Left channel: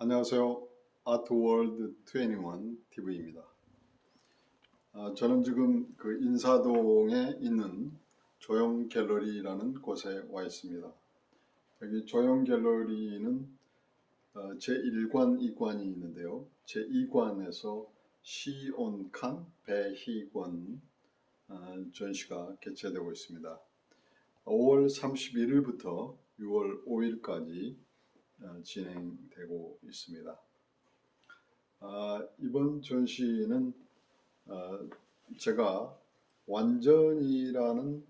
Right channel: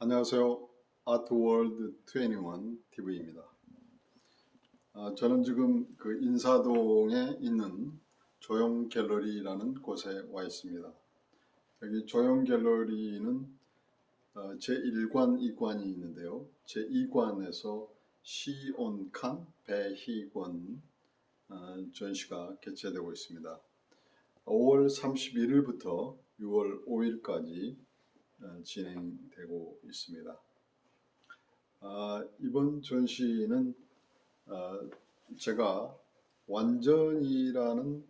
안녕하세요. 아트월드 21 TV입니다. 저는 지금 그 인사동에 있는 조형 갤러리라는 곳에 와 있습니다. 여기 조형 갤러리는 제1관, 2관이 있는데요. 제2관에서 시온칸 배희권 전시가 개최되고 있습니다. 5월 31일부터 6월 5일까지 진행되고 있습니다. 이번 전시는 제가 완전이라는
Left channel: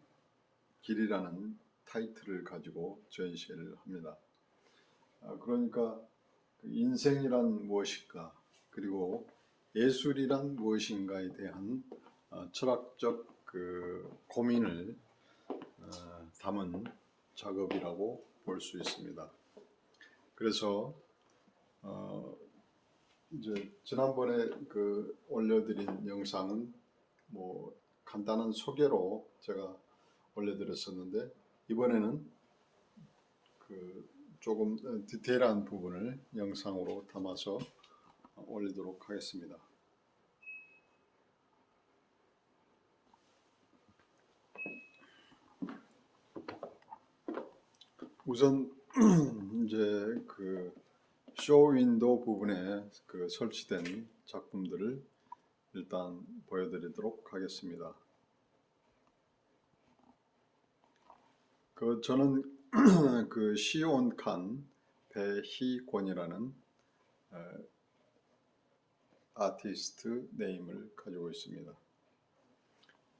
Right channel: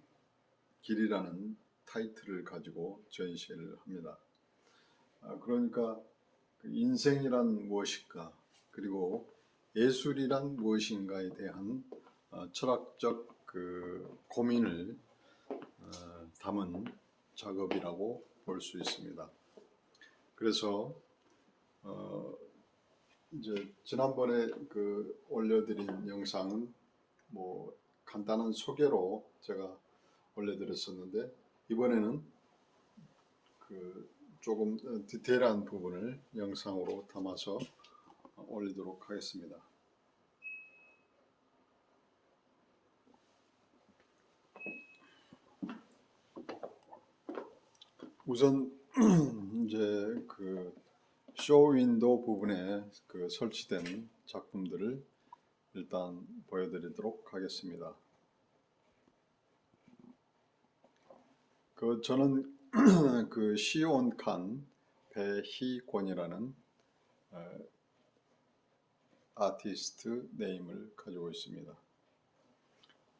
길이라는 타이틀을 가지고 전시를 합니다. 그러니까 그 인생이란 무엇일까, 그리고 예술이란 무엇인가에 대한 철학적 그 고민을 담은 작업이라고 볼 수 있습니다. 그래서 이제 지난번에 그 올려드린 영상은 뭐 간단한 소개로 제가 올려드렸었는데, 이번에는 그 조금 디테일한 부분을 영상으로 담아서 올리도록 하겠습니다. 우선 이제 그 쇼윈도 부분에 그 설치된 작품들을 일단 보여드리도록 하겠습니다. 저는 그 시온칸 배희권이라는 아티스트 네임을 가지고 있습니다.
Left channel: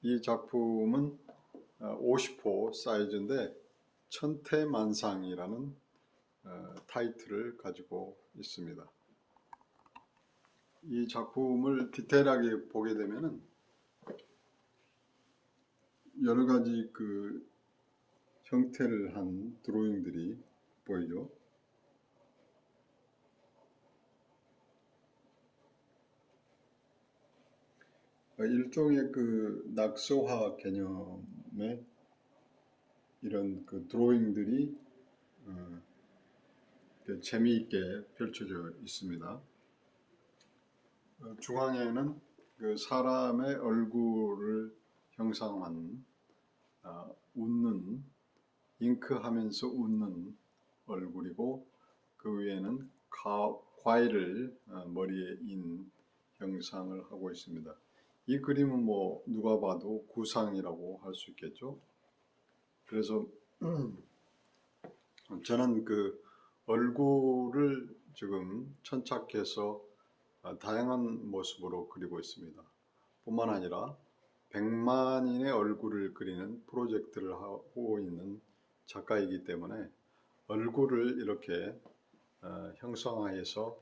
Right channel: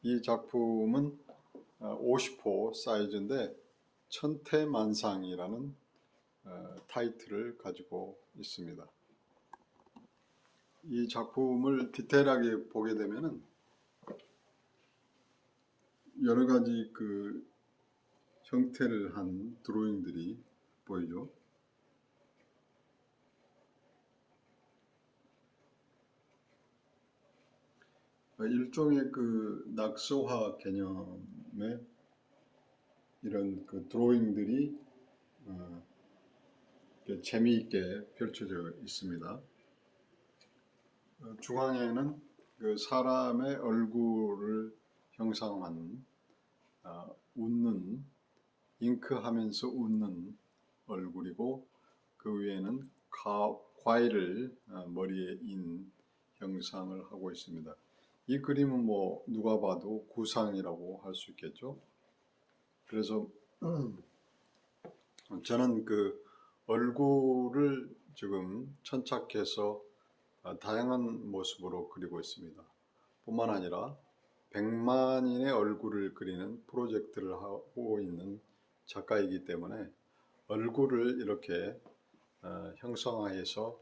이 작품은 50호 사이즈인데 천태만상이라는 타이틀을 가지고 있습니다. 이 작품을 디테일하게 보게 되면은 여러 가지 그 형태를 한 드로잉들이 보이죠. 일종의 그 낙서화 개념의 이런 그 드로잉들이 재미있게 펼쳐져 있습니다. 중앙에는 그 사람의 얼굴을 형상한 웃는, 잉크하면서 웃는 얼굴이고, 그 위에는 과일을 머리에 인 형상을 하고 있습니다. 이 그림은 뭐 누가 봐도 구상이라고 할 수 있겠죠. 그래서 저는 그 얼굴을 지금 천착해서 다양한 모습으로 그리고 있습니다. 뿐만 아니라 100만인의 얼굴을 그리는 프로젝트를 하고 있는 작가이기 때문에 얼굴을 이렇게 형상화해서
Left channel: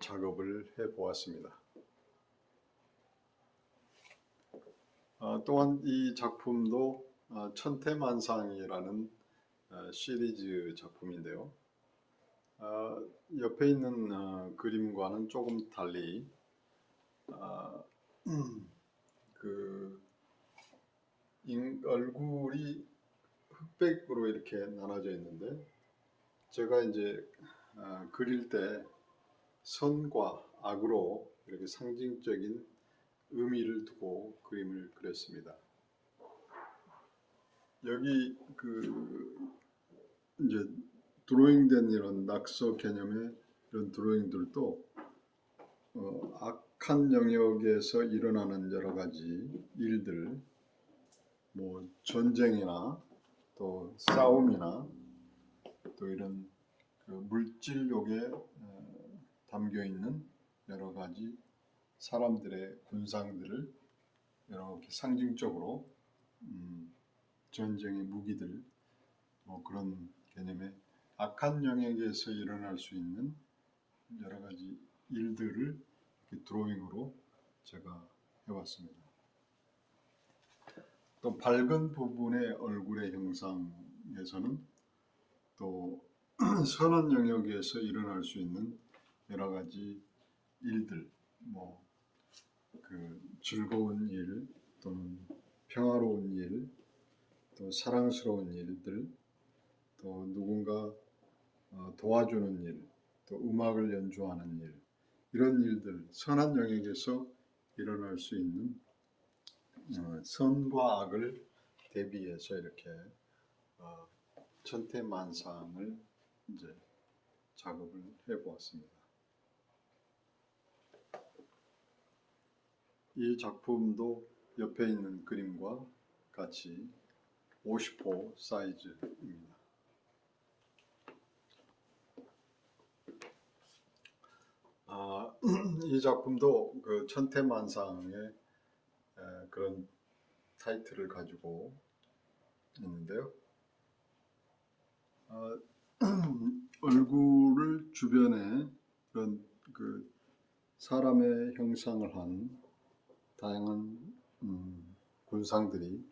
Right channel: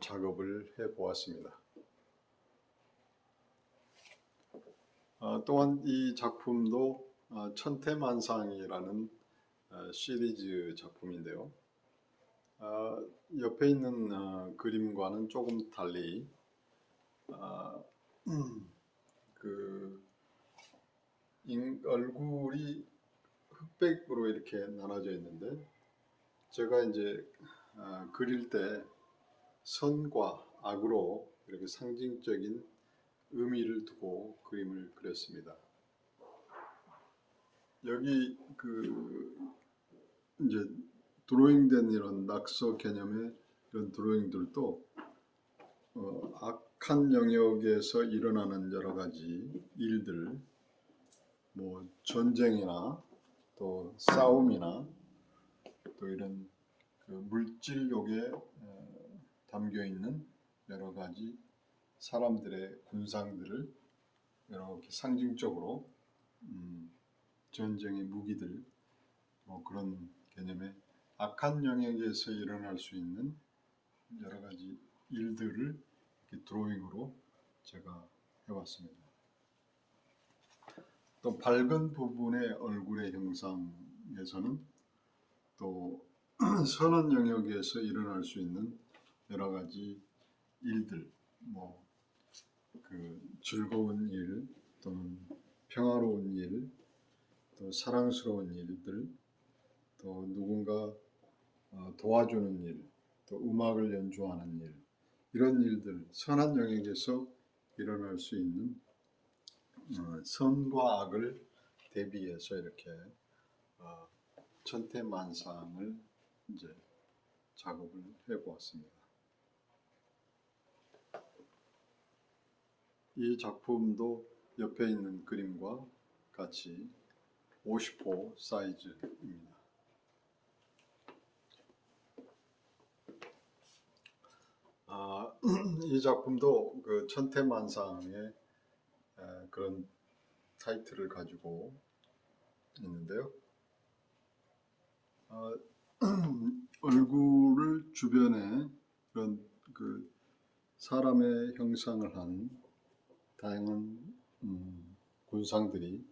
작업을 해 보았습니다. 또한 이 작품도 천태만상이라는 시리즈 작품인데요. 옆에 있는 그림과는 조금 달리 그 얼굴이 흑백으로 이렇게 나눠져 있는데, 제가 이제 그릴 때 선과 악으로 이렇게 상징적인 의미를 두고 그림을 그렸습니다. 여기 그 이제 드로잉된 이런 낙서 개념의 이런 드로잉들도 악한 영역에서 일어나는 여러 가지 일들, 뭐 전쟁이나 또 싸움이나 또 이런 물질욕에 담겨 있는 여러 가지 사람들의 군상들을 이렇게 상징적으로 전쟁의 무기들, 그런 개념의 악한 영역에서 일어날 수 있는 여러 가지 일들을 이렇게 드로잉으로 제가 해왔습니다. 또 밝은 부분의 얼굴의 형상에서는 또 선한 영역에서 일어날 수 있는 여러 가지 일들, 뭐 그 즐거운 일 또는 평화로운 일, 또 사랑스러운 일들, 또 누군가 도와주는 일, 또 음악을 연주하는 일, 이런 일들, 선한 영역에서 일어날 수 있는 선과 악을 대비해서 이렇게 천태만상을 이제 작업을 해보았습니다. 이 작품도 옆에 있는 그림과 같이 50호 사이즈입니다. 이 작품도 그 천태만상의 그런 타이틀을 가지고 있는데요. 얼굴을 주변에 그런 그 사람의 형상을 한 다양한 군상들이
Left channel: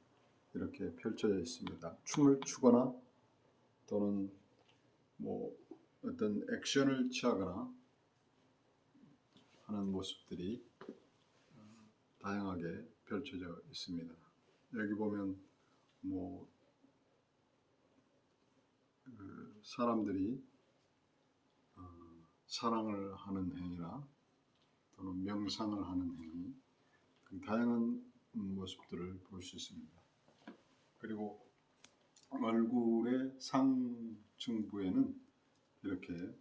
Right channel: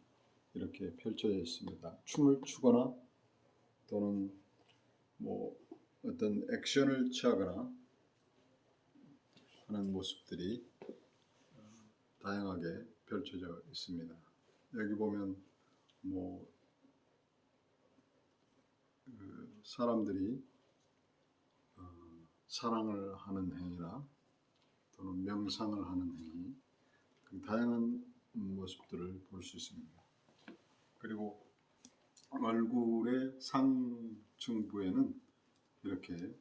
이렇게 펼쳐져 있습니다. 춤을 추거나 또는 뭐 어떤 액션을 취하거나 하는 모습들이 다양하게 펼쳐져 있습니다. 여기 보면 뭐 사람들이 사랑을 하는 행위나 또는 명상을 하는 행위, 다양한 모습들을 볼 수 있습니다. 그리고 얼굴의 상층부에는 이렇게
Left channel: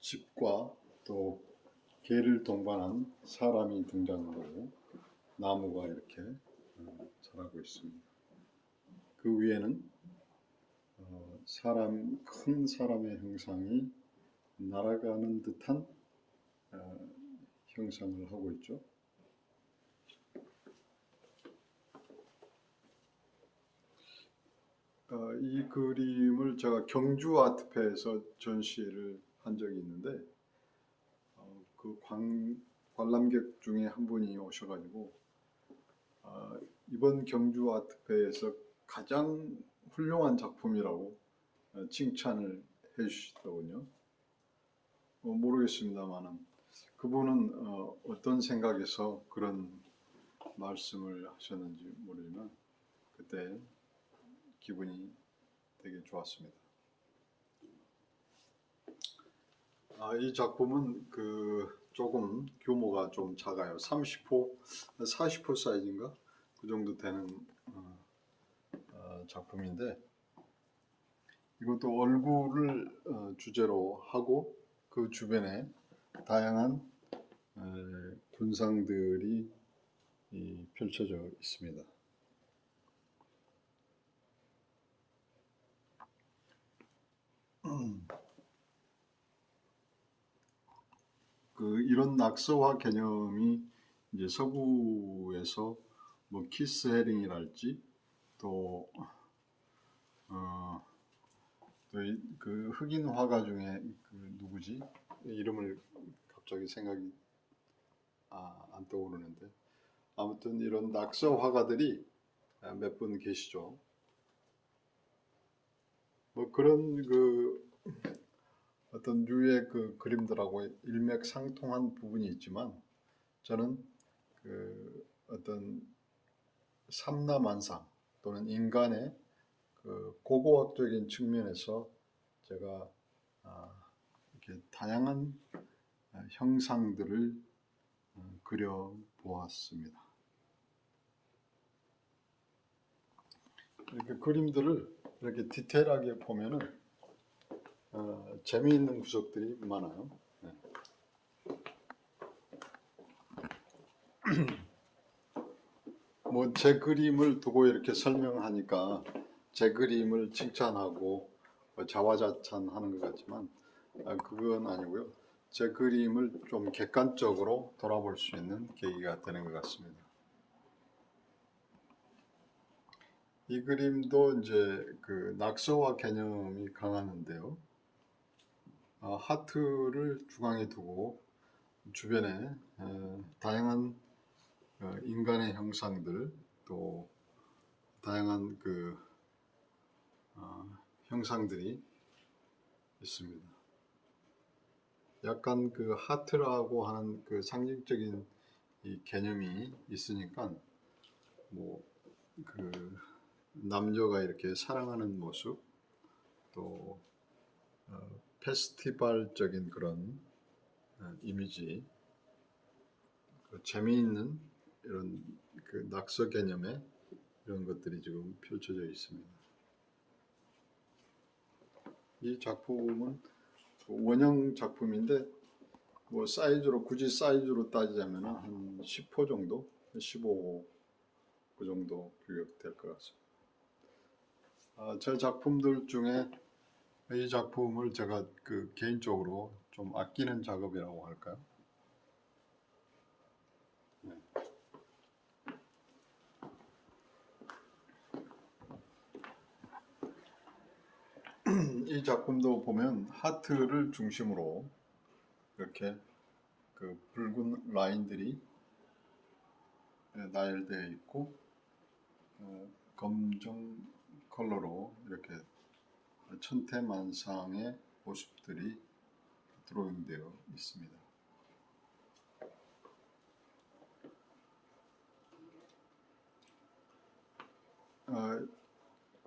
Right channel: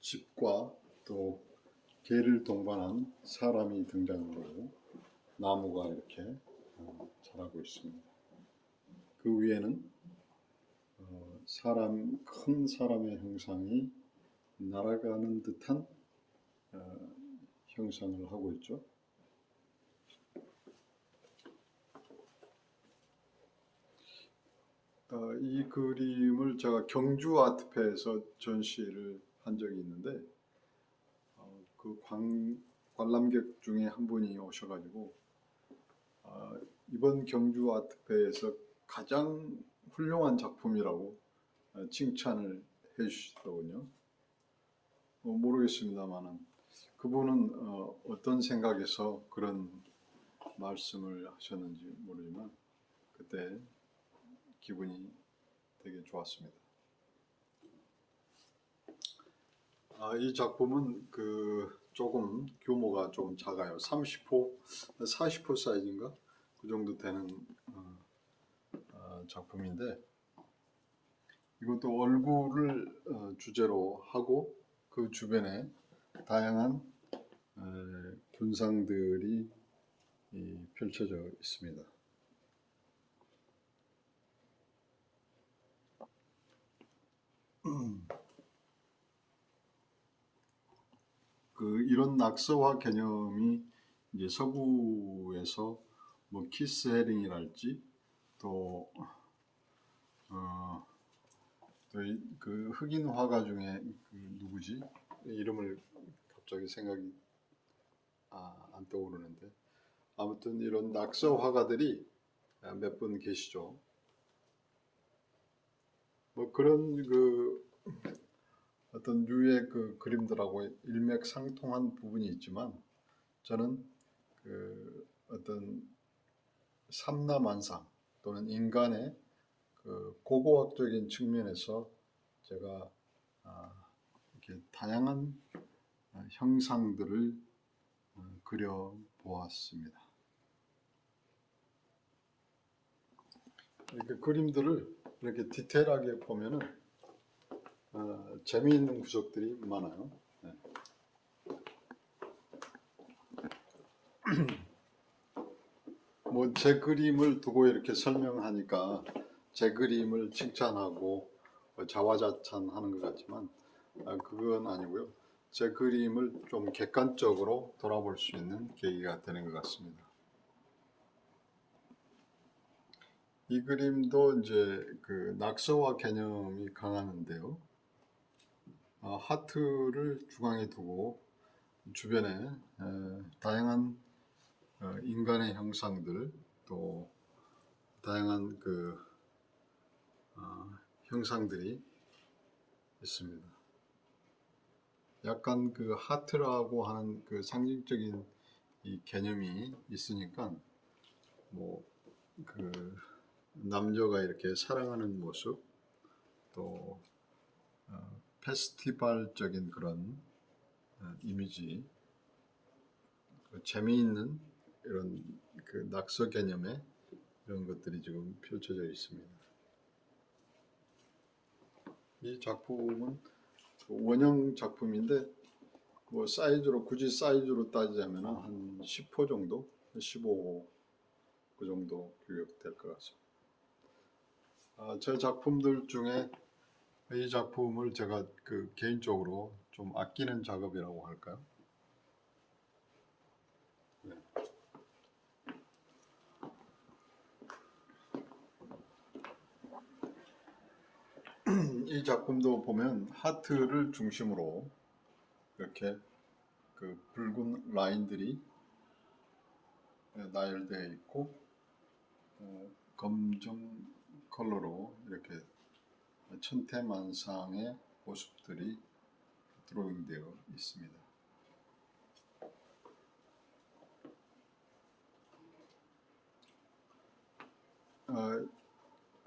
집과 또 개를 동반한 사람이 등장하고 나무가 이렇게 자라고 있습니다. 그 위에는 큰 사람의 형상이 날아가는 듯한 형상을 하고 있죠. 이 그림을 제가 경주 아트페에서 전시를 한 적이 있는데 그 관람객 중에 한 분이 오셔가지고 이번 경주 아트페에서 가장 훌륭한 작품이라고 칭찬을 해주시더군요. 모르겠습니다만은 그분은 어떤 생각에서 그런 말씀을 하셨는지 모르지만 그때 기분이 되게 좋았습니다. 이 작품은 조금 규모가 좀 작아요. 30호, 40호 사이즈인가? 그 정도 되는 작품인데 이것도 얼굴을 주제로 하고 그 주변에 다양한 군상들이 펼쳐져 있습니다. 이런 낙서화 개념이 이제 서구에서 뭐 키스 헤링이랄지 또 그 흑인 화가 중에 누구지? 이름을 갑자기 생각이 안 떠오르는데 아무튼 이런 낙서 화가들이 몇 분 계시죠. 뭐 그런 어떤 류의 그림들하고 일맥상통한 부분이 있지만 저는 어떤 삼라만상 또는 인간의 고고학적인 측면에서 제가 이렇게 다양한 형상들을 그려 보았습니다. 이렇게 그림들을 이렇게 디테일하게 보면은 재미있는 구석들이 많아요. 네. 뭐 제 그림을 두고 이렇게 설명하니까 제 그림을 칭찬하고 자화자찬하는 것 같지만 그건 아니고요. 제 그림을 좀 객관적으로 돌아볼 수 있는 계기가 되는 것 같습니다. 이 그림도 이제 낙서화 개념이 강하는데요. 하트를 중앙에 두고 주변에 다양한 인간의 형상들 또 다양한 형상들이 있습니다. 약간 하트라고 하는 상징적인 이 개념이 있으니까 뭐 남녀가 이렇게 사랑하는 모습 또 페스티벌적인 그런 이미지, 재미있는 이런 그 낙서 개념의 이런 것들이 지금 펼쳐져 있습니다. 이 작품은 원형 작품인데 뭐 사이즈로 굳이 사이즈로 따지자면 한 10호 정도, 15호 그 정도 규격될 것 같습니다. 제 작품들 중에 이 작품을 제가 그 개인적으로 좀 아끼는 작업이라고 할까요? 네. 이 작품도 보면 하트를 중심으로 이렇게 그 붉은 라인들이 나열되어 있고 검정 컬러로 이렇게 천태만상의 모습들이 드로잉되어 있습니다.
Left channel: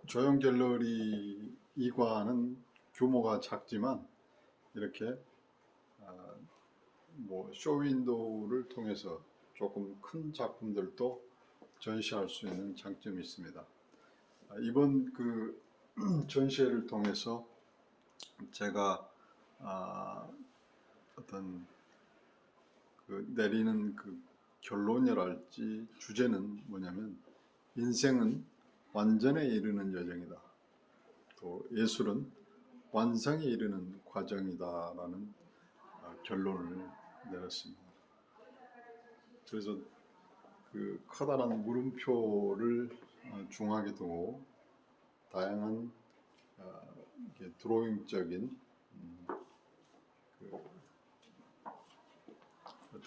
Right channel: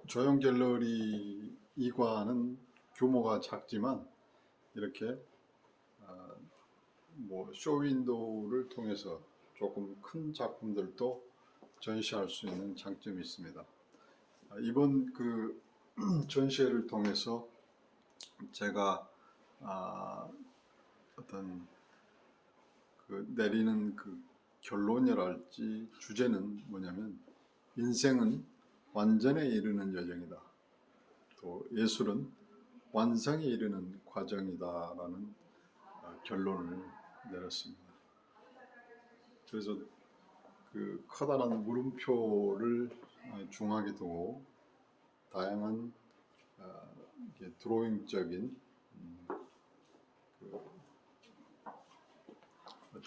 조형 갤러리 2관은 규모가 작지만 이렇게 뭐 쇼윈도우를 통해서 조금 큰 작품들도 전시할 수 있는 장점이 있습니다. 이번 그 전시회를 통해서 제가 어떤 그 내리는 그 결론이랄지 주제는 뭐냐면 인생은 완전에 이르는 여정이다. 또 예술은 완성에 이르는 과정이다라는 결론을 내렸습니다. 그래서 그 커다란 물음표를 중앙에 두고 다양한 드로잉적인 그 어떤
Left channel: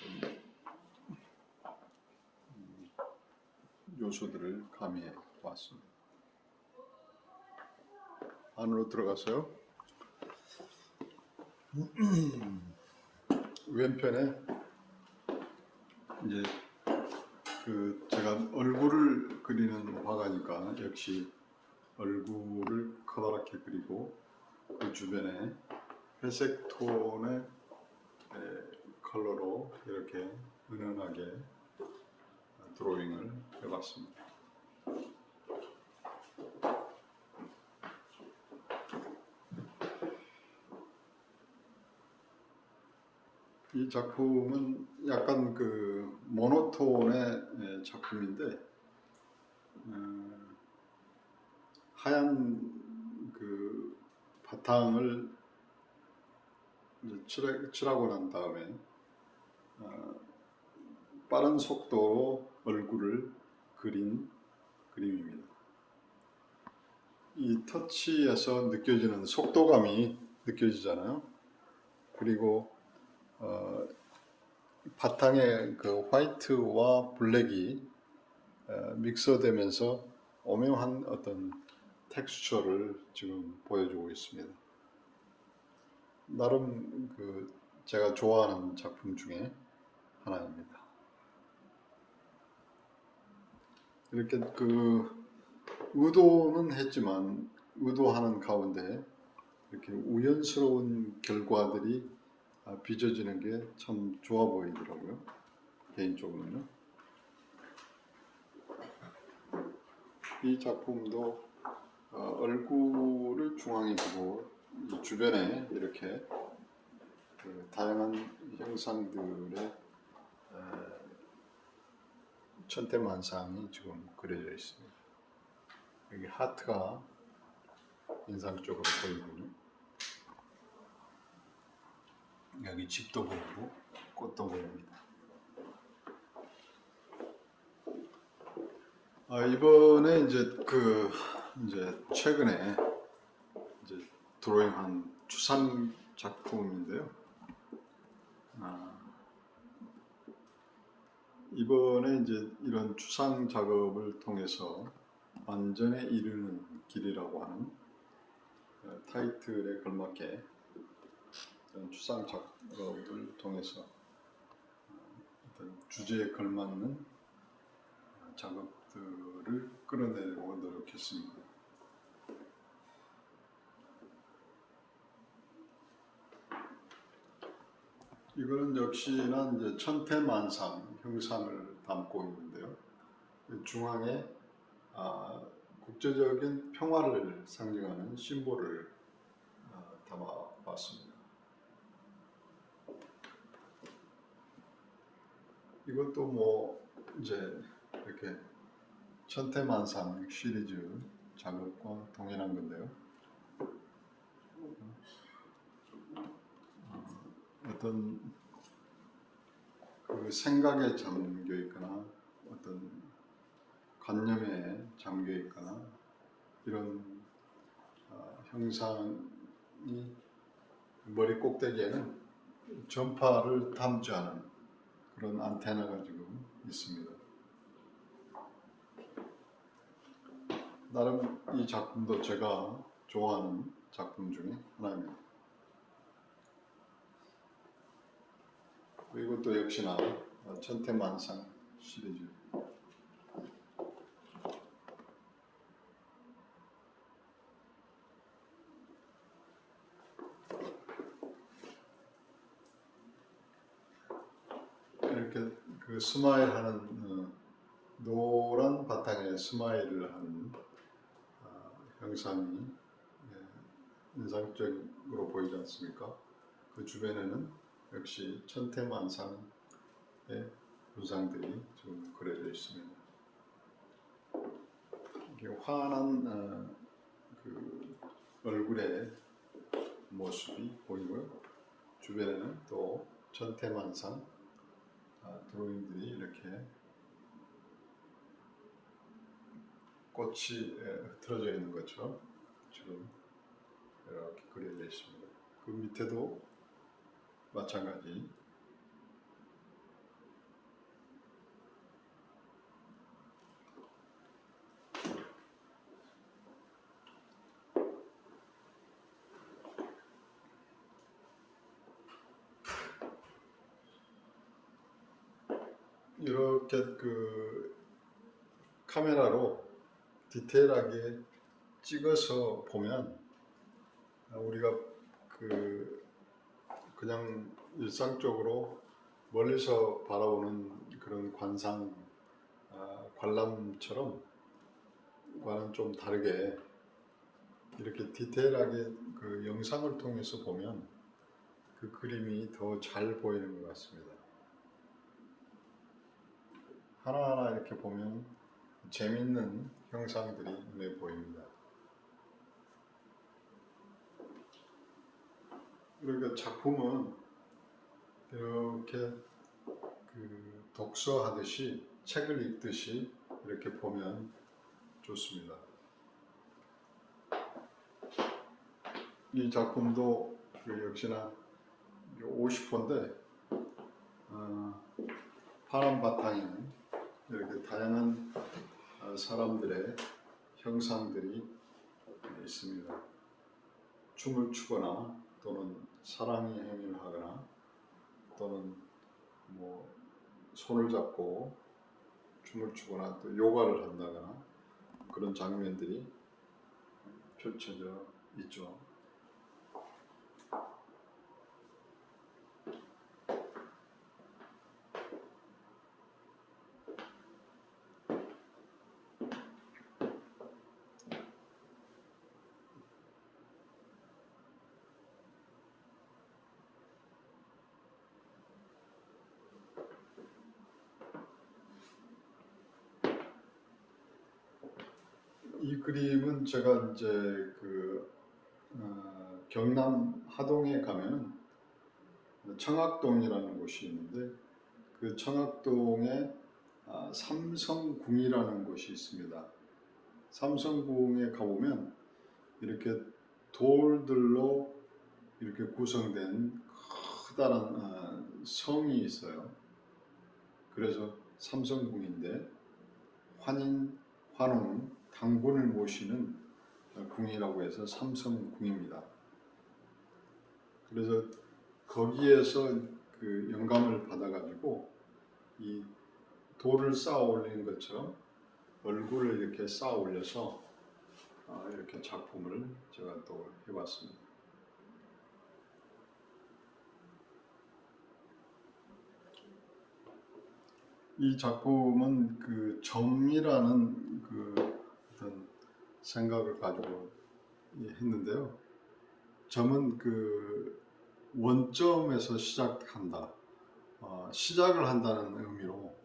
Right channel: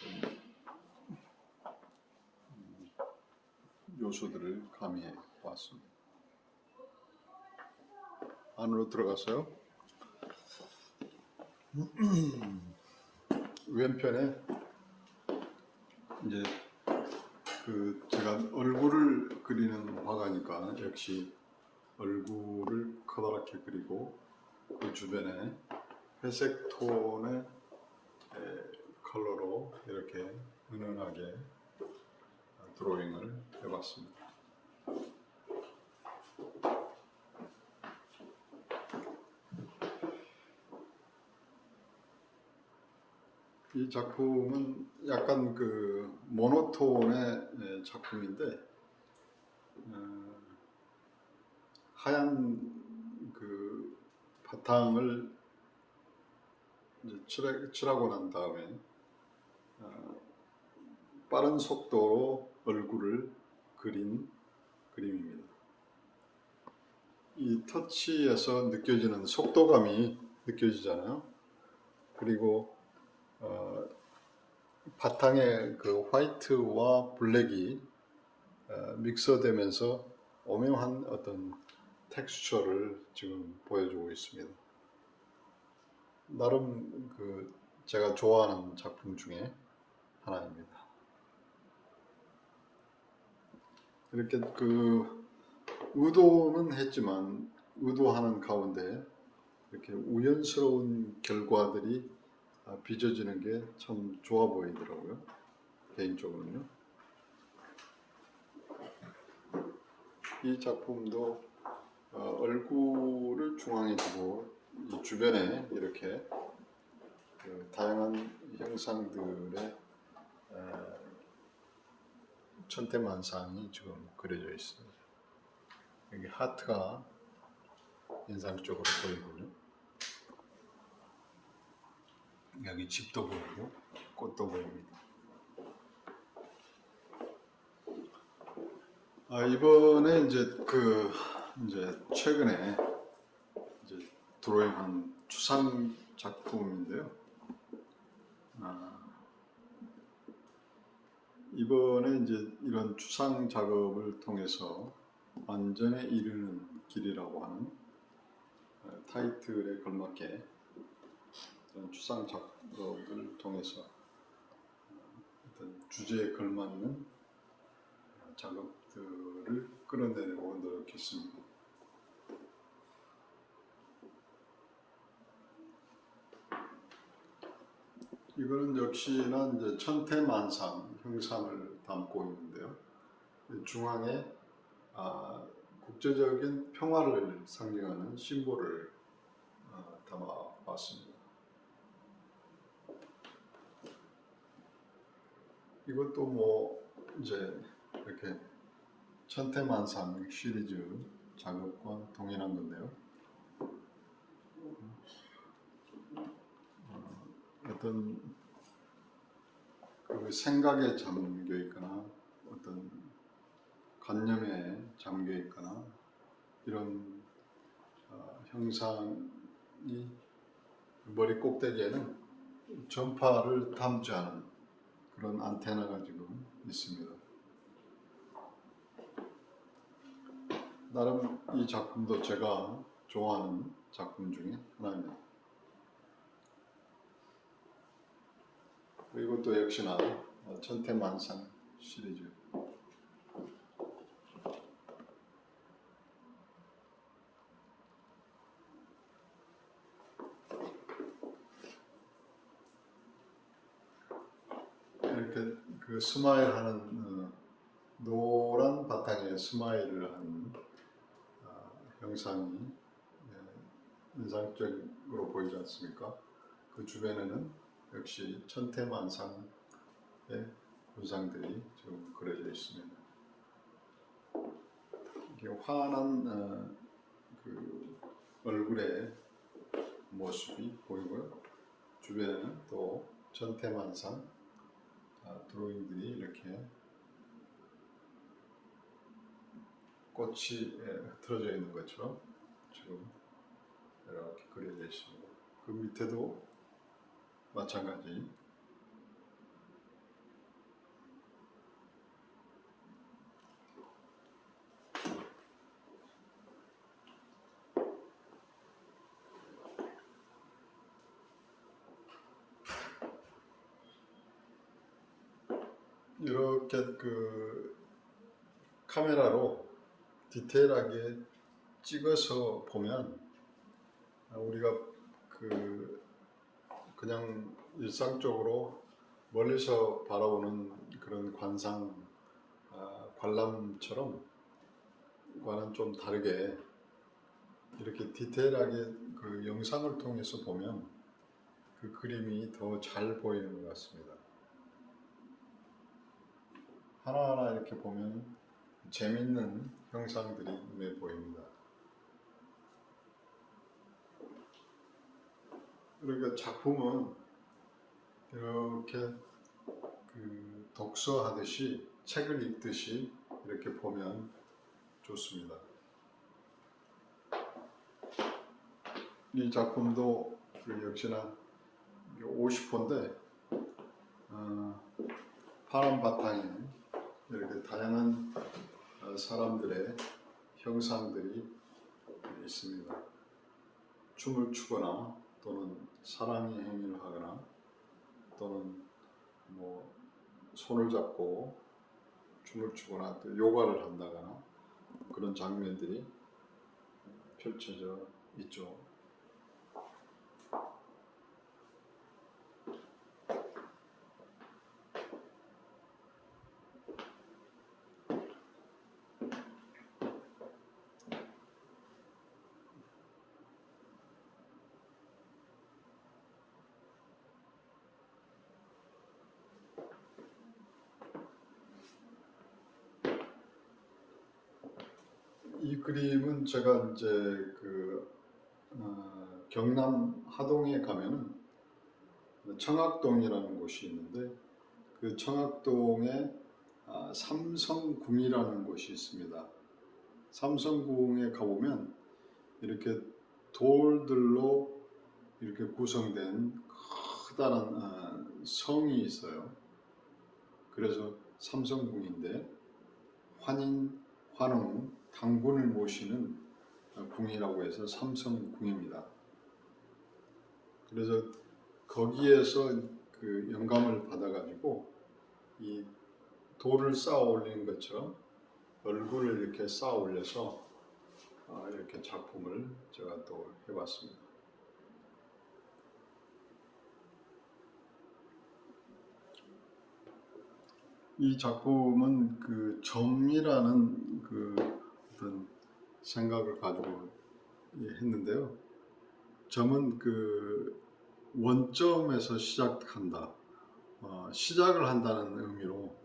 요소들을 가미해 보았습니다. 안으로 들어가서요. 왼편에 이제 그 제가 얼굴을 그리는 화가니까 역시 얼굴을 커다랗게 그리고 그 주변에 회색 톤의 컬러로 이렇게 은은하게 드로잉을 해봤습니다. 이 작품은 약간 그 모노톤의 작품인데 하얀 그 바탕을 칠하고 난 다음에 빠른 속도로 얼굴을 그린 그림입니다. 이 터치에서 느껴지는 속도감이 느껴지잖아요. 그리고 바탕에 그 화이트와 블랙이 믹서되면서 오묘한 어떤 텍스처를 지금 보여주고 있습니다. 나름 그 제가 좋아하는 작품 중에 하나입니다. 이렇게 그 의도는 했지만 의도하는 가운데 이렇게 우연스러운 결과들이 빚어지는 게 참 좋아 보이더라고요. 개인적으로는요. 이 작품도 얼굴을 중앙에 두고 이 주변에 이렇게 그 다양한 형상들의 천태만상이 지금 그려져 있습니다. 여기 하트가 인상적으로 보이군요. 여기 집도 보이고 꽃도 보입니다. 이번에 이제 최근에 이제 드로잉한 추상 작품인데요. 이번에 이제 이런 추상 작업을 통해서 완전에 이르는 길이라고 하는 타이틀에 걸맞게 추상 작업을 통해서 어떤 주제에 걸맞는 작업들을 끌어내려고 노력했습니다. 이거는 역시나 이제 천태만상 형상을 담고 있는데요. 중앙에 국제적인 평화를 상징하는 심볼을 담아봤습니다. 이것도 뭐 이제 이렇게 천태만상 시리즈 작업과 동일한 건데요. 어떤 그 생각에 잠겨 있거나 어떤 관념에 잠겨 있거나 이런 형상이 머리 꼭대기에는 전파를 탐지하는 그런 안테나가 지금 있습니다. 나름 이 작품도 제가 좋아하는 작품 중에 하나입니다. 이것도 역시나 천태만상 시리즈. 이렇게 그 스마일하는 노란 바탕에 스마일을 하는 형상이 인상적으로 보이지 않습니까? 그 주변에는 역시 천태만상의 군상들이 좀 그려져 있습니다. 이렇게 환한 그 얼굴의 모습이 보이고요. 주변에는 또 천태만상 드로잉들이 이렇게 꽃이 흐트러져 있는 것처럼 지금 이렇게 그려져 있습니다. 그 밑에도 마찬가지. 이렇게 그 카메라로 디테일하게 찍어서 보면 우리가 그냥 일상적으로 멀리서 바라보는 그런 관람처럼 과는 좀 다르게 이렇게 디테일하게 그 영상을 통해서 보면 그 그림이 더 잘 보이는 것 같습니다. 하나하나 이렇게 보면 재밌는 형상들이 눈에 보입니다. 그러니까 작품은 이렇게 그 독서하듯이 책을 읽듯이 이렇게 보면 좋습니다. 이 작품도 역시나 50호인데 파란 바탕에 이렇게 다양한 사람들의 형상들이 있습니다. 춤을 추거나 또는 사랑의 행위를 하거나 또는 뭐 손을 잡고 춤을 추거나 또 요가를 한다거나 그런 장면들이 펼쳐져 있죠. 이 그림은 제가 이제 경남 하동에 가면은 청학동이라는 곳이 있는데 그 청학동에 삼성궁이라는 곳이 있습니다. 삼성궁에 가보면 이렇게 돌들로 이렇게 구성된 커다란 성이 있어요. 그래서 삼성궁인데 환인, 환웅, 당군을 모시는 궁이라고 해서 삼성궁입니다. 그래서 거기에서 그 영감을 받아가지고 이 돌을 쌓아 올리는 것처럼 얼굴을 이렇게 쌓아 올려서 이렇게 작품을 제가 또 해봤습니다. 이 작품은 그 점이라는 그 어떤 생각을 가지고 했는데요. 점은 그 원점에서 시작한다, 시작을 한다는 의미로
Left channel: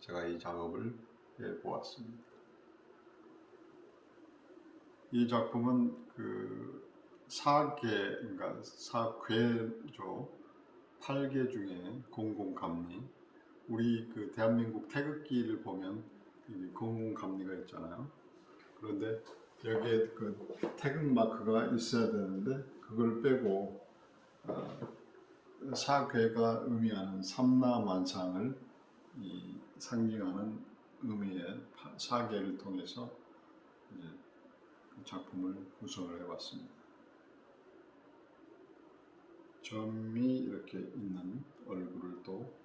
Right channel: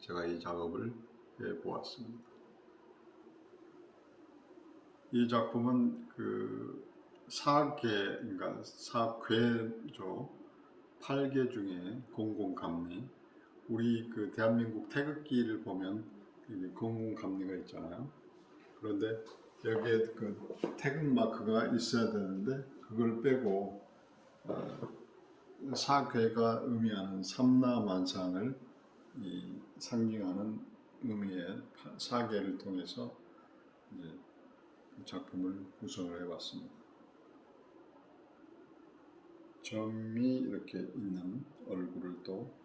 제가 이 작업을 해보았습니다. 이 작품은 그 4개, 그러니까 4궤죠. 8개 중에 공공감리, 우리 그 대한민국 태극기를 보면 공공감리가 있잖아요. 그런데 여기에 그 태극 마크가 있어야 되는데 그걸 빼고 4궤가 의미하는 삼라만상을 상징하는 의미의 4개를 통해서 이제 그 작품을 구성을 해봤습니다. 점이 이렇게 있는 얼굴을 또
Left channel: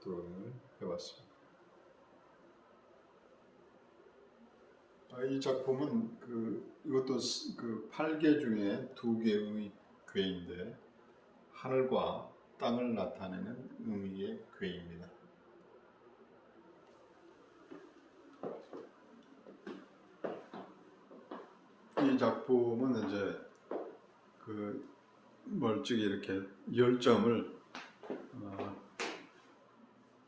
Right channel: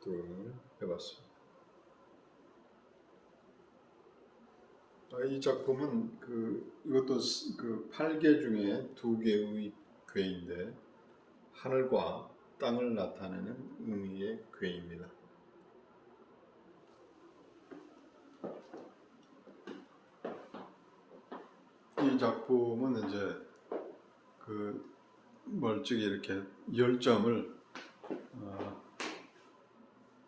드로잉을 해봤습니다. 이 작품은 이것도 그 8개 중에 2개의 궤인데 하늘과 땅을 나타내는 의미의 궤입니다. 이 작품은 이제 그 멀찍이 이렇게 열점을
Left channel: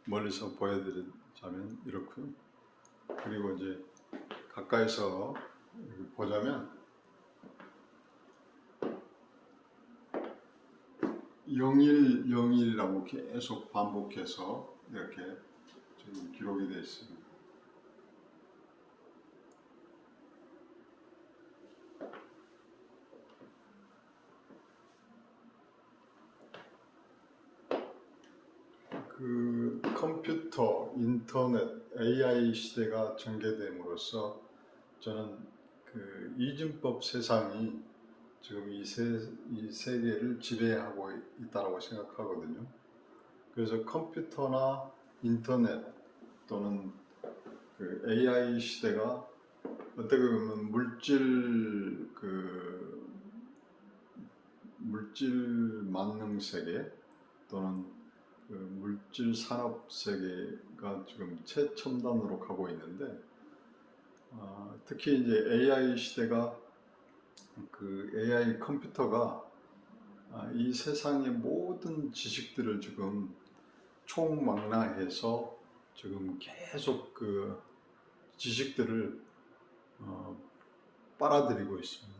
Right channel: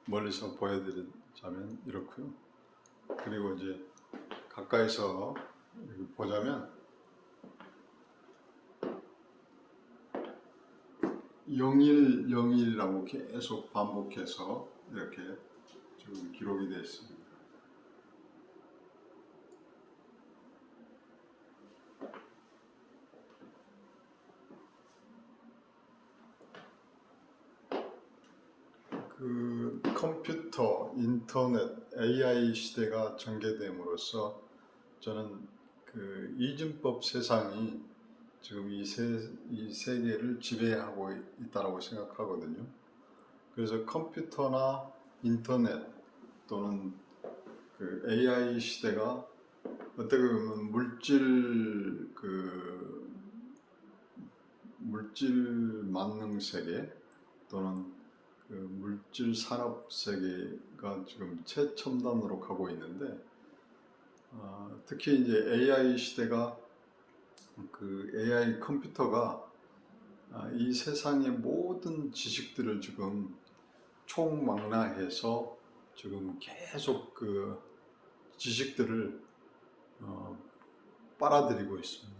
멀리서 보여드리자면 이렇고요. 그리고 이제 가까이서 보자면 0101이라고 계속 반복해서 이렇게 지금 기록이 되어 있습니다. 그 컴퓨터, 인터넷, AI 시대가 전개됨으로써 저는 그 이진법 세상이 지금 이 세계를 지배하고 있다고 생각하거든요. 그래서 컴퓨터나 인터넷 또는 그 AI 시대가 어떻게 보면 물질 만능 세계 또는 그 물질 산업 세계가 지금 최첨단으로 가고 있는데, 특히 이제 AI 시대가 그 AI 컴퓨터가 이 세상의 모든 지식들을 지금 총망라해서 지금 계속 그 지식들을 빨아들이고 있습니다.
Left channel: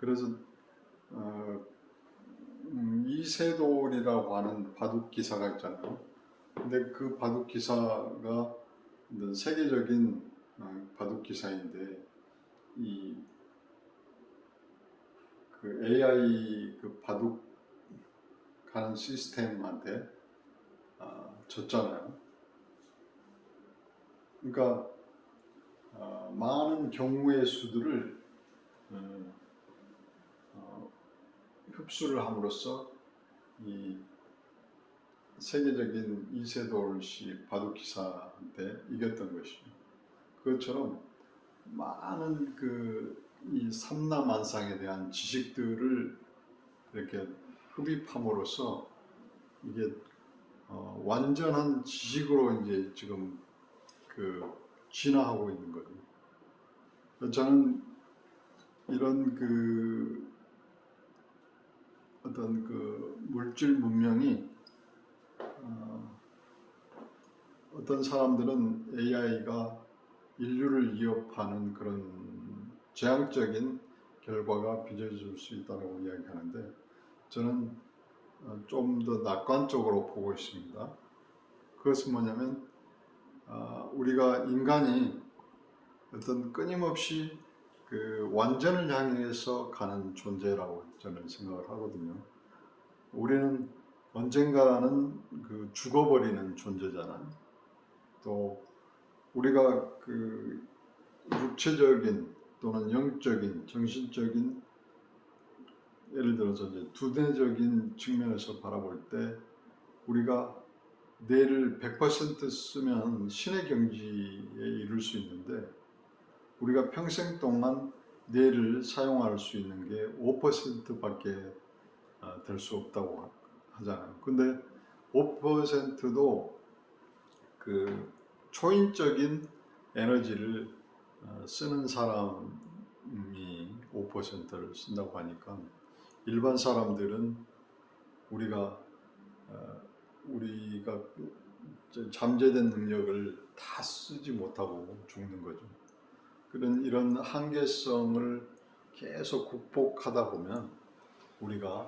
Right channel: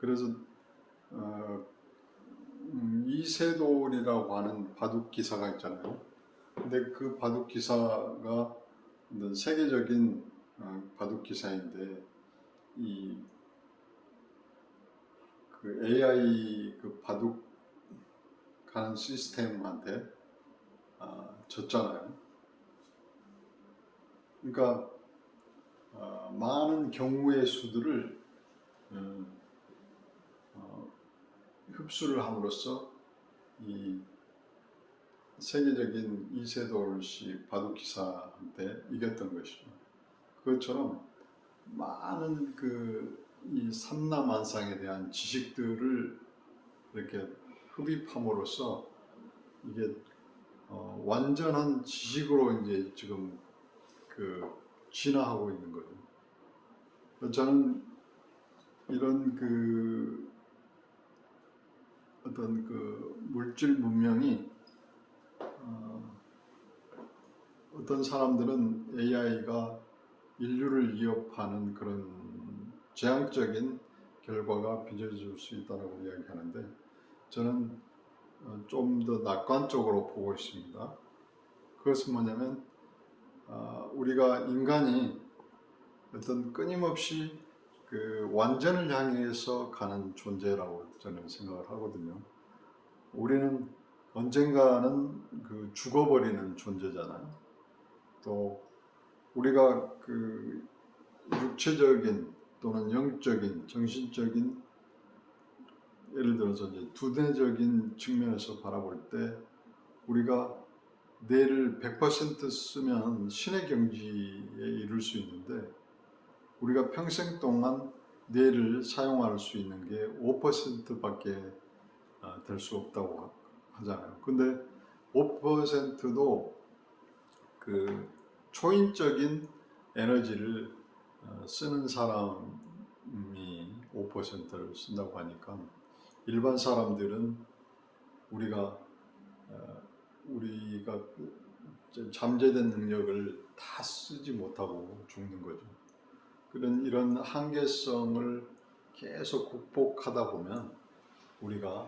그래서 이세돌이라고 하는 바둑 기사가 있잖아요. 근데 그 바둑 기사가 세계적인 바둑 기사인데 그 AI 그 바둑 가는 시스템한테 졌잖아요. 그러니까 많은 경우의 수들을 흡수를 함으로써 이 세계적인 이세돌씨 바둑 기사한테 이겼던 것이죠. 그것처럼 많은 이 삼라만상에 대한 지식들을 이렇게 흡입함으로써 이게 완전한 지식으로 이제 지금 진화하고 있는 거죠. 저는 이런 어떤 물질 문명이 어떤 사람들은 AI가 인류를 위협하는 그런 재앙적인 결과가 빚어질 수 있다고 이야기하는데, 저는 좀 더 낙관적으로 보고 있습니다. 그것은 뭐냐면 우리가 인간이 어떤 끊임없이 그 완전을 향해서 가는 존재라고 저는 생각을 하거든요. 우리는 언젠가는 죽어버리는 존재잖아요. 또 우리가 육체적인 또는 영적인, 정신적인, 예를 들어서 이제 두뇌적인 측면에서 바라볼 때 우리가 뇌를 100% 쓰면 신의 경지에 이룰 수 있는데, 우리가 평생 동안 뇌를 사용할 수 있는 게 5%밖에 될 수 없다고 하잖아요. 근데 5%도 그 초인적인 에너지를 쓰는 사람이 5%를 쓴다고 하니까 일반 사람들은 우리가 잠재된 능력을 다 쓰지 못하고 죽는 거죠. 이런 한계성을 계속 극복하다 보면 우리가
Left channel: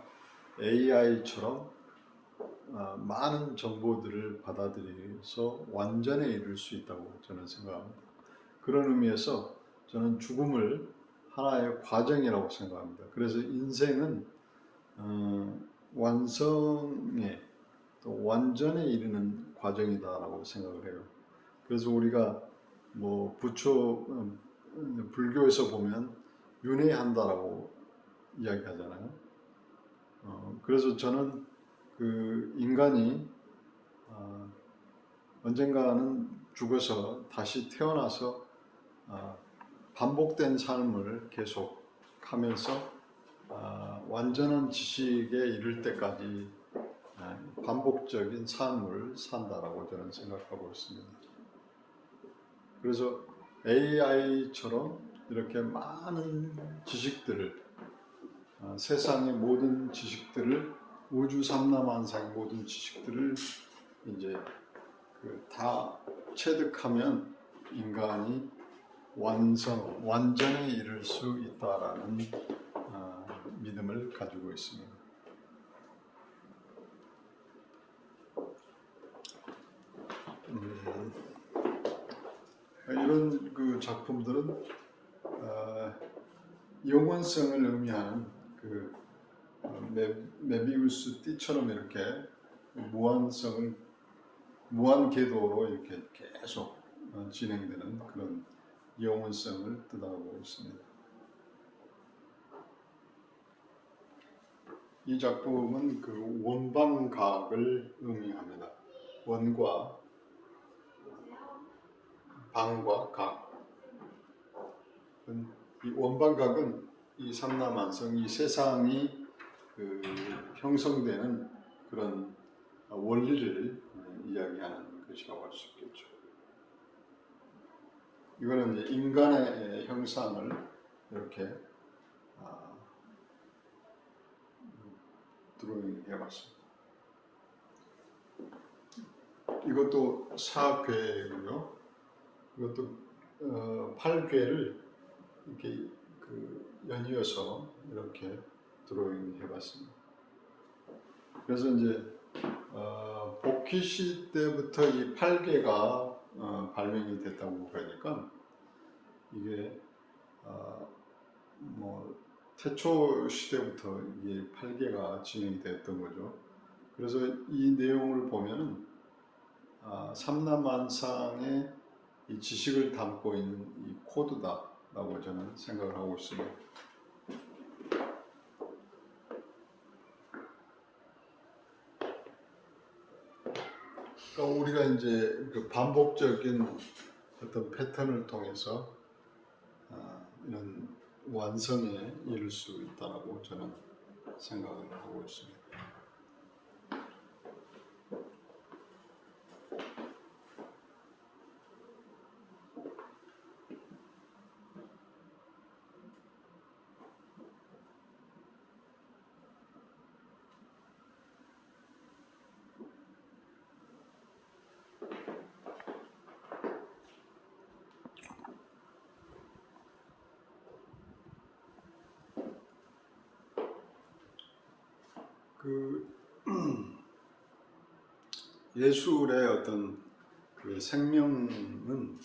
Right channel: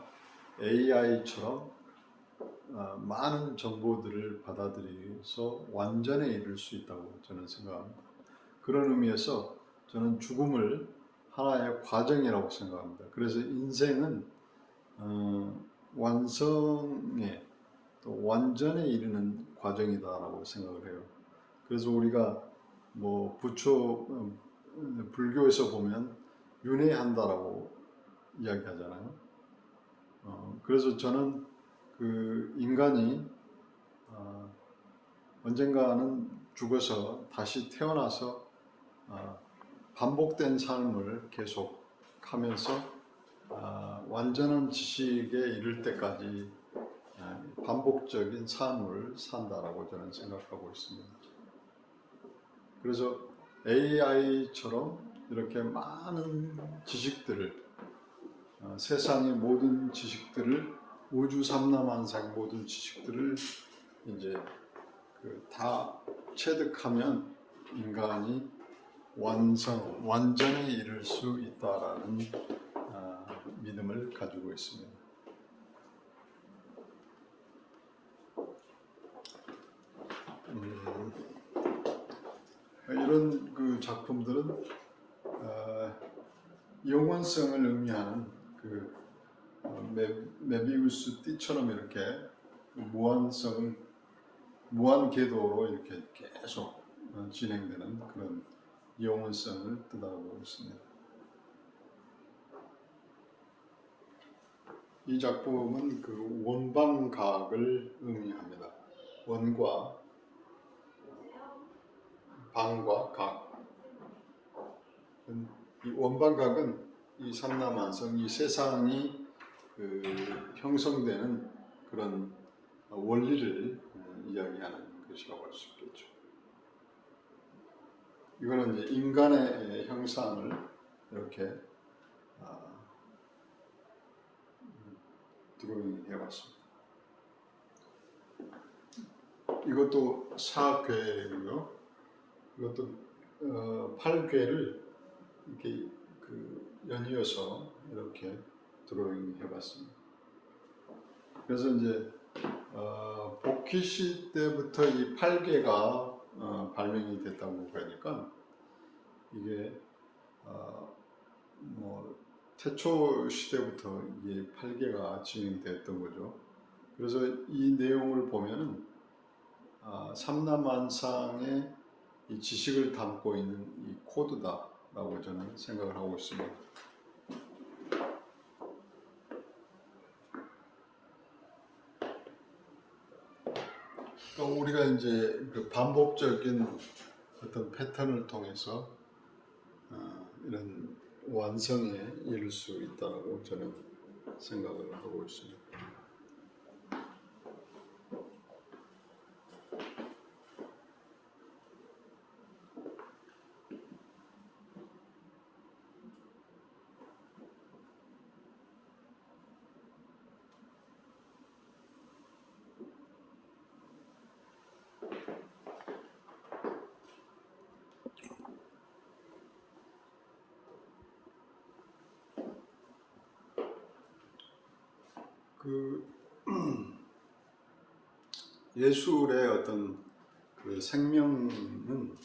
AI처럼 많은 정보들을 받아들여서 완전에 이를 수 있다고 저는 생각합니다. 그런 의미에서 저는 죽음을 하나의 과정이라고 생각합니다. 그래서 인생은 완성에 또 완전에 이르는 과정이다라고 생각을 해요. 그래서 우리가 뭐 불교에서 보면 윤회한다라고 이야기하잖아요. 그래서 저는 그 인간이 언젠가는 죽어서 다시 태어나서 반복된 삶을 계속 하면서 완전한 지식에 이를 때까지 반복적인 삶을 산다라고 저는 생각하고 있습니다. 그래서 AI처럼 이렇게 많은 지식들을 세상의 모든 지식들을 우주 삼라만상의 모든 지식들을 이제 다 체득하면 인간이 완전에 이를 수 있다라는 믿음을 가지고 있습니다. 이런 그 작품들은 영원성을 의미하는 그 메비우스 띠처럼 이렇게 무한 궤도로 이렇게 계속 진행되는 그런 영원성을 뜻하고 있습니다. 이 작품은 그 원방각을 의미합니다. 원과 방과 각. 이 원방각은 이 삼라만성, 이 세상이 그 형성되는 그런 원리를 이야기하는 것이라고 할 수 있겠죠. 이거는 이제 인간의 형상을 이렇게 드로잉 해봤습니다. 이것도 4궤고요. 이것도 8궤를 이렇게 연이어서 이렇게 드로잉 해봤습니다. 그래서 이제 복희시 때부터 이 8궤가 발명이 됐다고 그러니까 이게 뭐 태초 시대부터 이 8궤가 진행이 됐던 거죠. 그래서 이 내용을 보면은 삼라만상의 이 지식을 담고 있는 이 코드다라고 저는 생각을 하고 있습니다. 그러니까 우리가 이제 그 반복적인 어떤 패턴을 통해서 이런 완성에 이를 수 있다고 저는 생각을 하고 있습니다. 예술의 어떤 그 생명은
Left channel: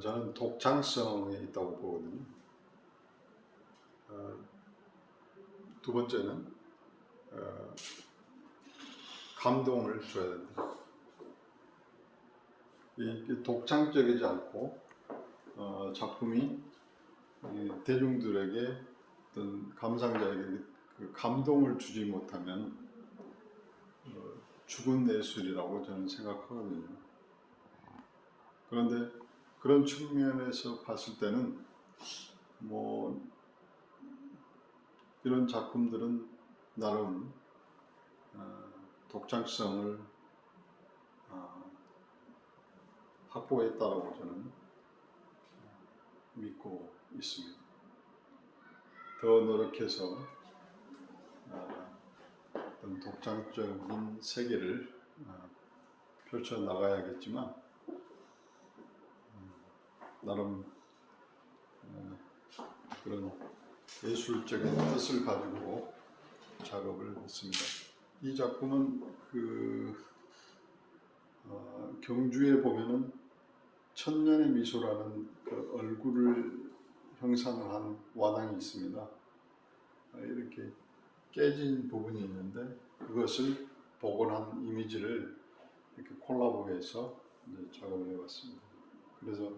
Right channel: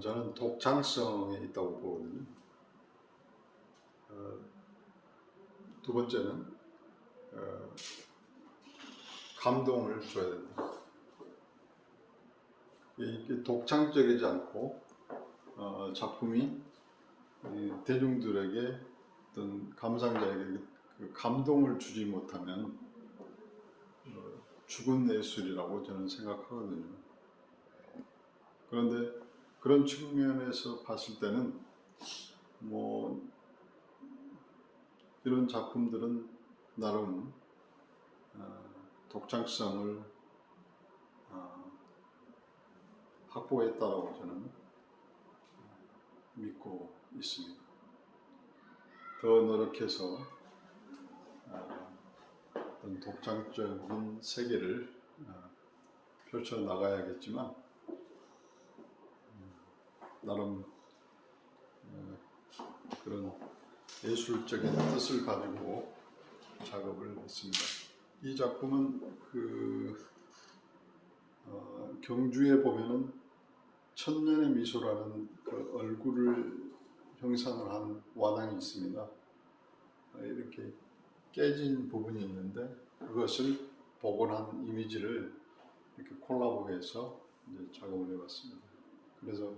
저는 독창성에 있다고 보거든요. 두 번째는 감동을 줘야 된다. 이게 독창적이지 않고 작품이 대중들에게 어떤 감상자에게 그 감동을 주지 못하면 죽은 예술이라고 저는 생각하거든요. 그런데 그런 측면에서 봤을 때는 뭐 이런 작품들은 나름 독창성을 확보했다라고 저는 믿고 있습니다. 더 노력해서 어떤 독창적인 세계를 펼쳐 나가야겠지만 나름 그런 예술적인 뜻을 가지고 작업을 했습니다. 이 작품은 경주에 보면은 천년의 미소라는 그 얼굴을 형상을 한 와당이 있습니다. 이렇게 깨진 부분이 있는데 그것을 복원한 이미지를 이렇게 콜라보해서 이제 작업을 해봤습니다. 그래서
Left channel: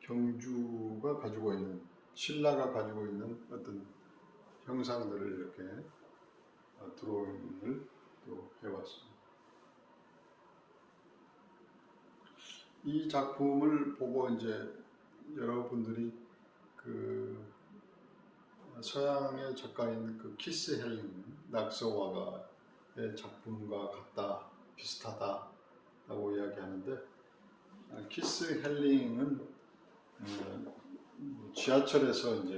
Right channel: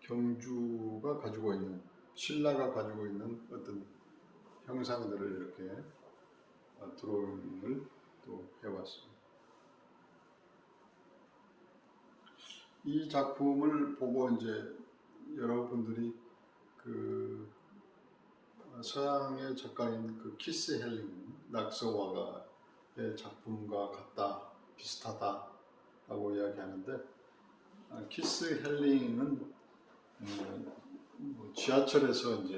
경주가 가지고 있는, 신라가 가지고 있는 어떤 형상들을 이렇게 드로잉을 또 해봤습니다. 이 작품을 보고 이제 여러분들이 그 서양의 작가인 그 키스 헬링, 낙서와가의 작품과 같다, 비슷하다라고 이야기하는데, 키스 헬링은 지하철에서 이제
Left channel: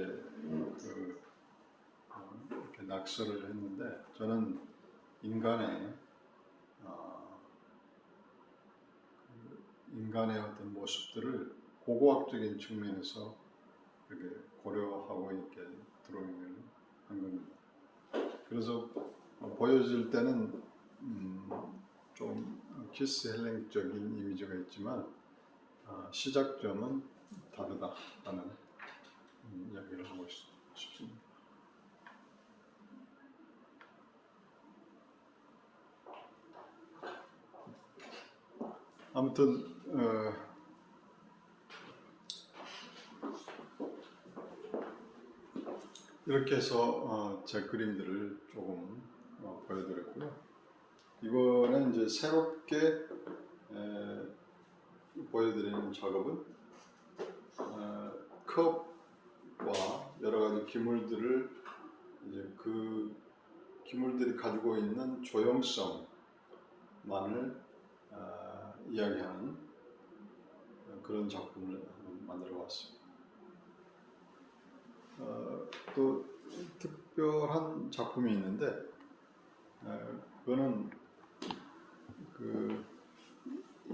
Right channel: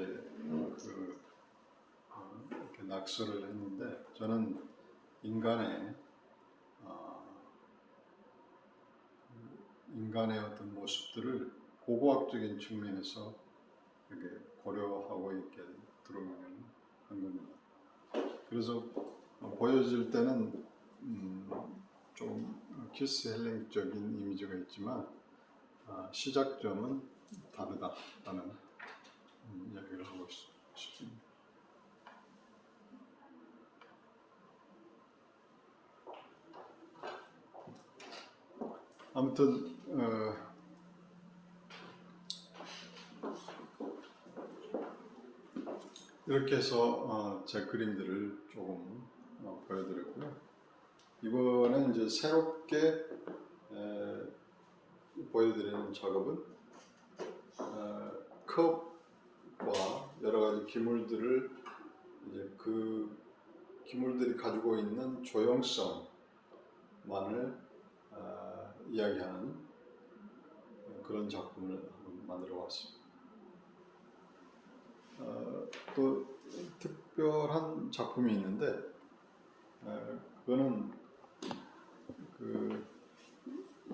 이렇게 낙서를 했는데, 저는 인간의 어떤 모습들을 고고학적인 측면에서 이렇게 고려하고 이렇게 드로잉을 한 겁니다. 그래서 보여질 때는 좀 키스 헬링적인 이미지가 있지만 시작점은 다르다라는 이야기를 하고 싶습니다. 아무튼 이렇게 해서 제 그림들을 조금 보여드렸고요. 이번에 이제 새롭게 보여드리는 작업은 컵과 여러 가지 기물들을 이제 그 기물들이 가지고 있는 조형성만을 이야기하는 그런 작품을 만들어 왔습니다. 또 특별한 작품이 있는데 그거는 그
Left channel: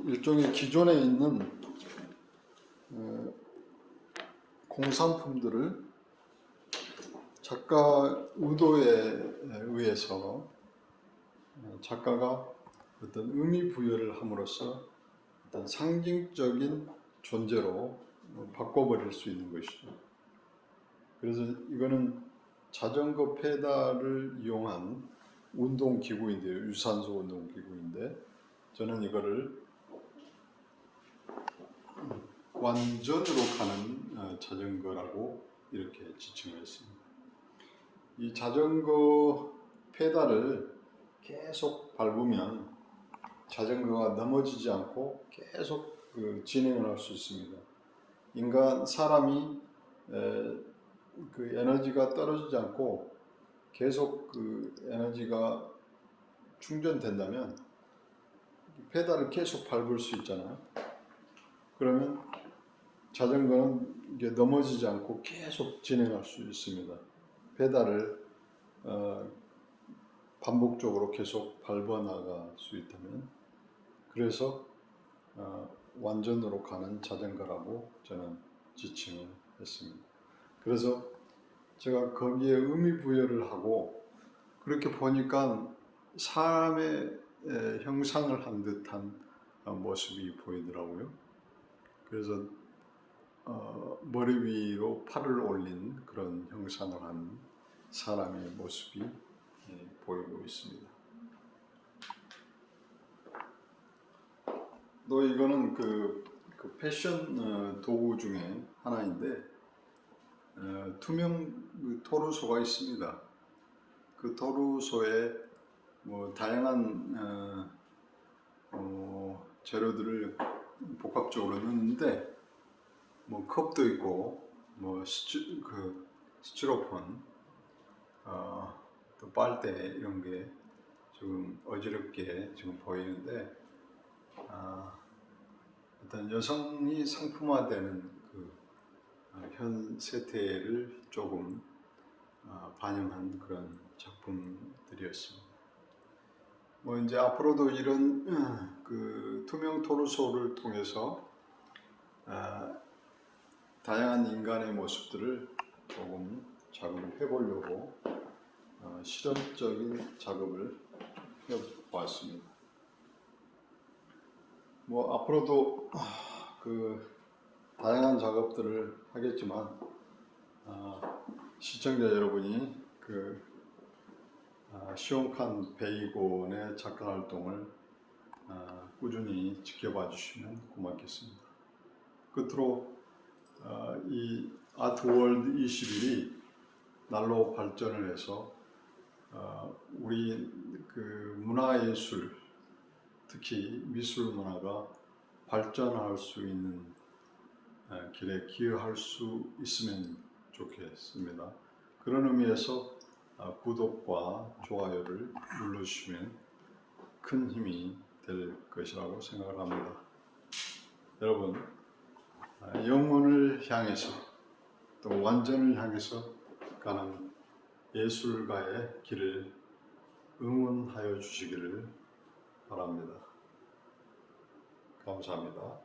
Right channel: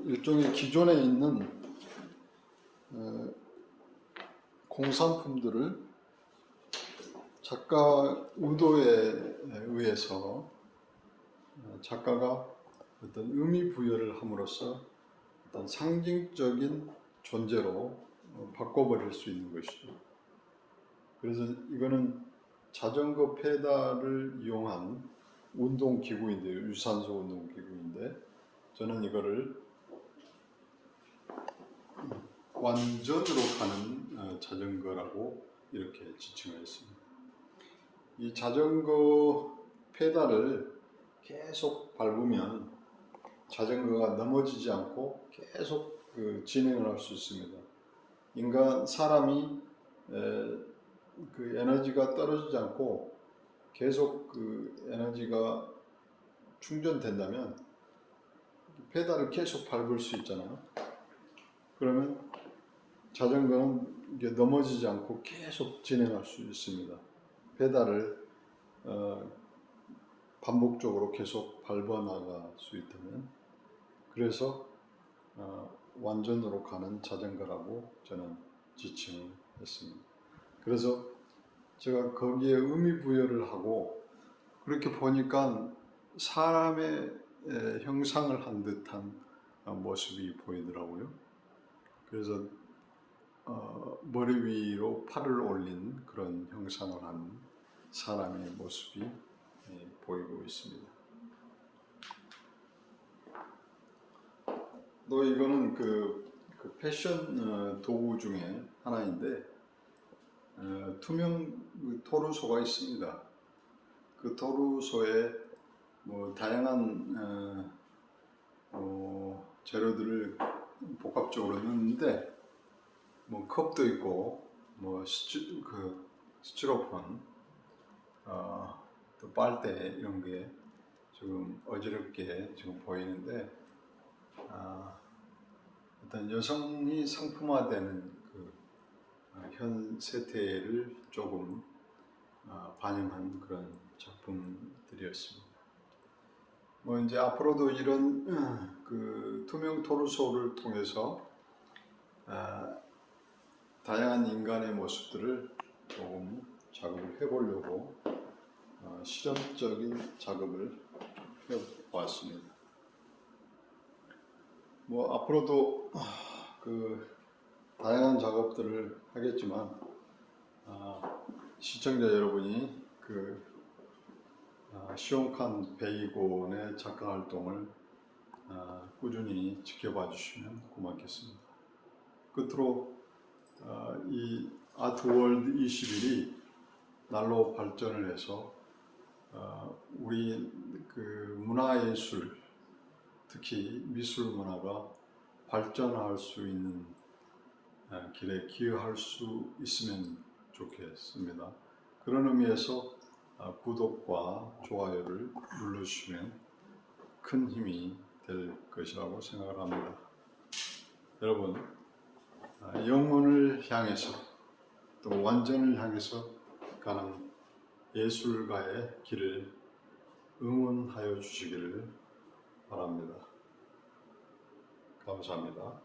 일종의 기존에 있는 공산품들을 작가 의도에 의해서 작가가 어떤 의미 부여를 함으로써 어떤 상징적인 존재로 바꿔버릴 수 있는 것이죠. 그래서 이거는 자전거 페달을 이용한 운동기구인데요. 유산소 운동기구인데 저는 이거를 완전으로 가는 자전거라고 이렇게 지칭을 했습니다. 이 자전거 페달을 계속 밟으면 자전거가 넘어지지 않고 계속 진행을 할 수 있습니다. 사람이 그 에너지가 떨어지지 않고 계속 그 에너지가 충전된다면 페달을 계속 밟을 수 있잖아요. 그러면 자전거는 이게 넘어지지 않고 계속 진행할 수 있습니다. 페달을 반복적으로 계속 밟아 나갈 수 있다면, 그래서 완전으로 가는 자전거라고 저는 지칭을 했습니다. 그래서 제가 거기에 의미 부여를 하고 그렇게 보니까 사람의 형상을 한 듯한 모습이 보이더라고요. 그래서 머리 위로 팔을 올린 그런 형상을 한 사람의 모습이 보이고 있습니다. 또 이거는 그 패션 도구 중에 하나인데 투명 토르소가 있습니다. 그 토르소에 뭐 다양한 재료들을 복합적으로 넣는데 뭐 컵도 있고 뭐 스티로폼, 또 빨대 이런 게 지금 어지럽게 지금 보이는데, 어떤 여성이 상품화되는 그 현 세태를 조금 반영한 그런 작품들이었습니다. 뭐 이제 앞으로도 이런 그 투명 토르소를 통해서 다양한 인간의 모습들을 조금 작업해 보려고 실험적인 작업을 해왔습니다. 뭐 앞으로도 그 다양한 작업들을 하겠지만 시청자 여러분이 그 시온칸 베이곤의 작가 활동을 꾸준히 지켜봐 주시면 고맙겠습니다. 끝으로 이 아트월드 21이 날로 발전을 해서 우리 그 문화예술, 특히 미술 문화가 발전할 수 있는 길에 기여할 수 있으면 좋겠습니다. 그런 의미에서 구독과 좋아요를 눌러주시면 큰 힘이 될 것이라고 생각을 합니다. 여러분, 영혼을 향해서 또 완전을 향해서 가는 예술가의 길을 응원하여 주시기를 바랍니다. 감사합니다.